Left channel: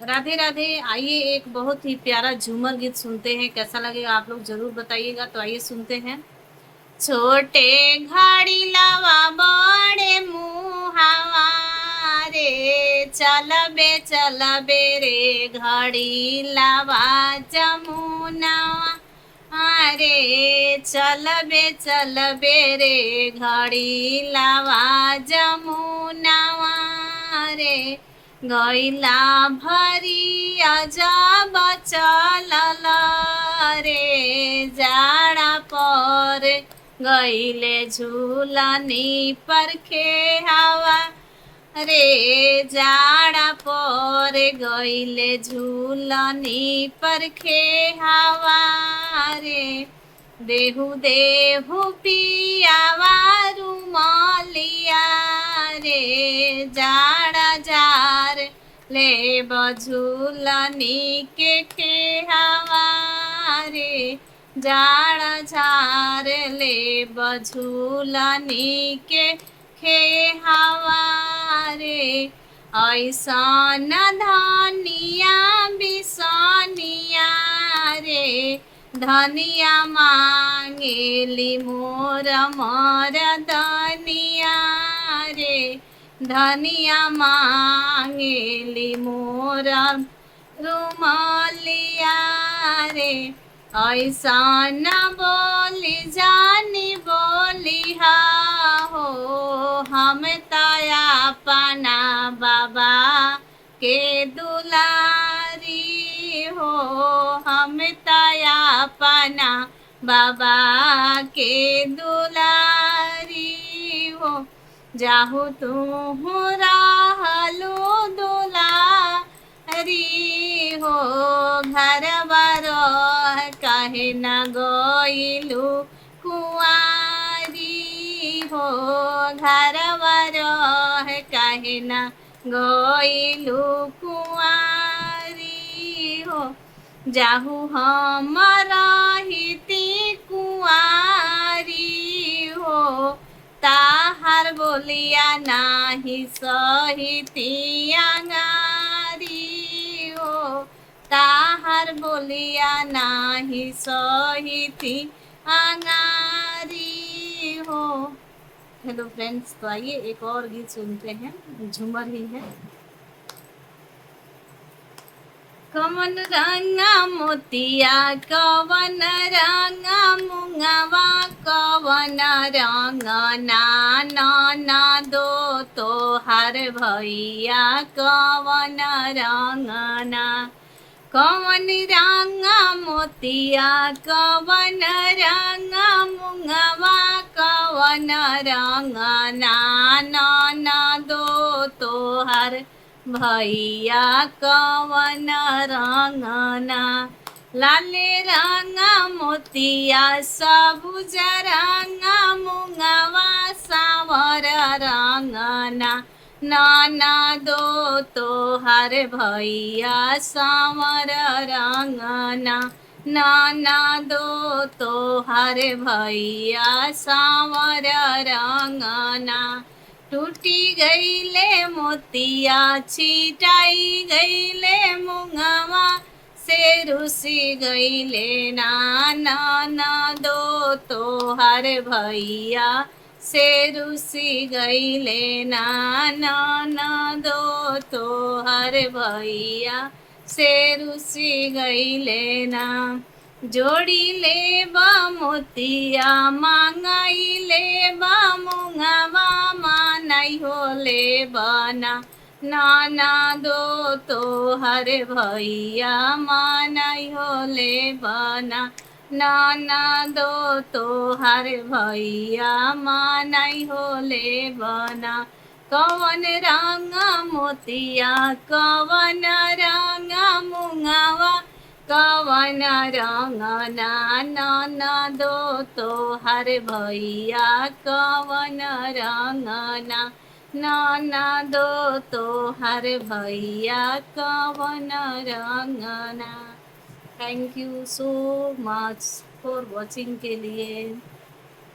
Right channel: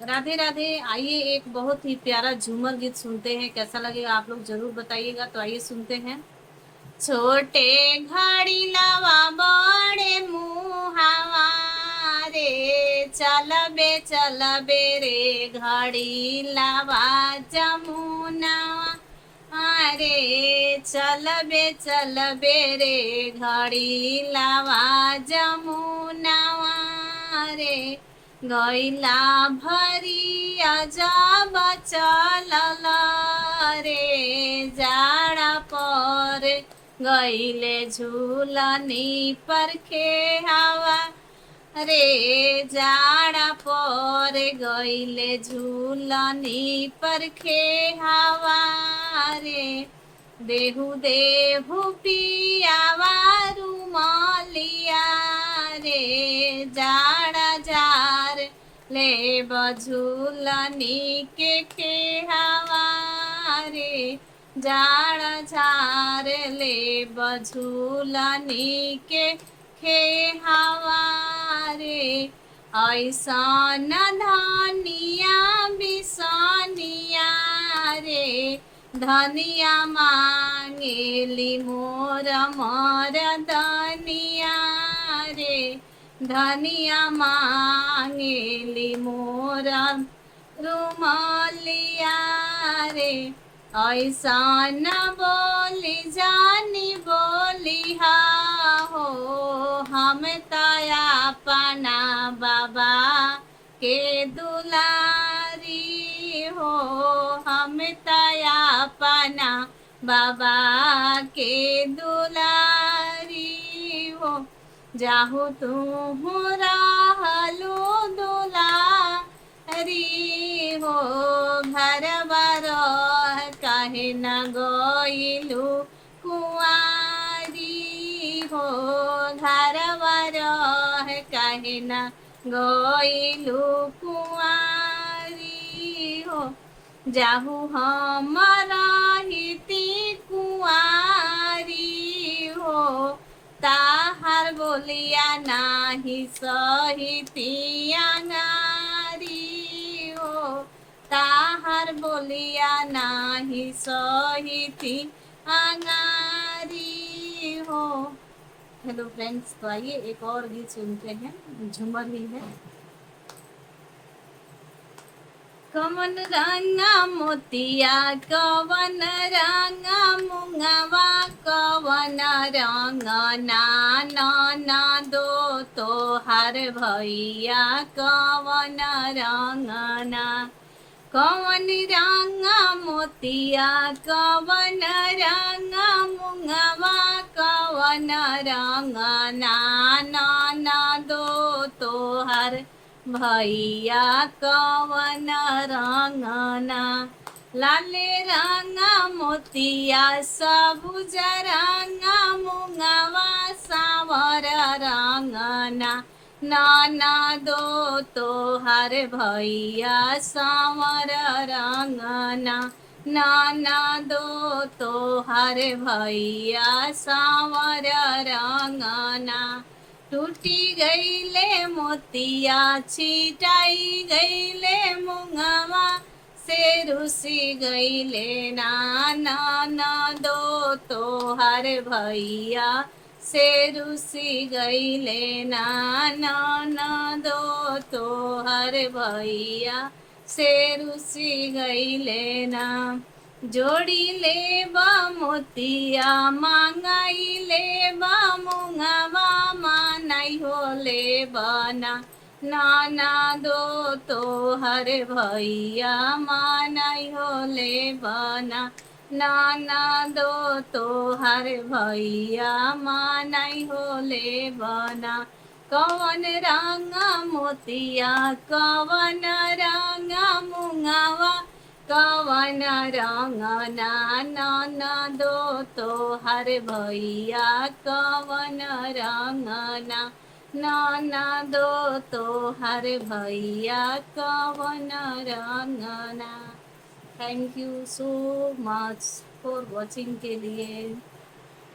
राधे राधे। आइए एक बहुत ही प्यारा झूमर गीत सुनते हैं, कैसा लगेगा आप लोग जरूर बताइएगा। तो आइए सुनते हैं। छोटे घड़ी लवा बड़े मुहावा रे, चलबे रे घड़ी लवा जमुना। अरे चलबे रे घड़ी लवा जमुना रे, गैला भरिया जब चलल रे, जाड़ा पर गईले झूलनी पर हवा रे, जाड़ा पर गईले झूलनी पर हवा रे, देहु देहु पियावा रुमालिया रे, जाड़ा जार ले बझूलनी के हवा रे, जाड़ा झार ले बझूलनी के हवा रे, ऐसन धनिया बिसनिया रे, धनिया मांगेली मोर दनिया रे, धनिया मांगेली मोर रुमालिया रे, ऐसा न बोली जानी बोली हो, हम तया पना बाबा के दुलारी हो, हम तया पना बाबा के दुलारी हो, जाहु तू रहलू दुलारी हो, घर बारो काहे न गइलू कुआरी हो, घर बारो काहे न गइलू कुआरी हो, जाहु हम रहिती कुआरी हो, ताहार बोलिया नाही सहिती अंगारी हो, ताहार बोलिया नाही सहिती अंगारी हो। हेलो फ्रेंड्स, तो आइए एक और गीत सुनते हैं, झूमर ही है। कवन रंगा मोतिया कवन रंगा मुंगवा, कवन रंग ना दो तो हर भैया, कवन रंगना, कवन रंगा मोतिया कवन रंगा मुंगवा, कवन रंग ना दो तो हर भैया, कवन रंगना, लाले रंगा मोतिया सबुज रंगा मुंगवा, सावर रंगना ना दो तो हर भैया, सावर रंगना ना दो तो हर भैया, सावर रंगना, टूटी गईले मोतिया छिटाई गईले मुंगवा, से रुसी गईले ना दो तो हर भैया, से रुसी गईले ना दो तो हर भैया, से रुसी गईले ना, जोड़ी ले बा मोतिया मांगाई ले बा मुंगवा, मानाई हो ले बना ना दो तो हर भैया, मानाई हो ले बना ना दो तो हर भैया, मानाई हो ले बना, कवन रंगा मोतिया कवन रंगा मुंगवा, कवन रंग ना दो तो हर भैया, कवन रंग ना दो तो हर भैया, कवन रंगना। Thank you so much for watching के लिए।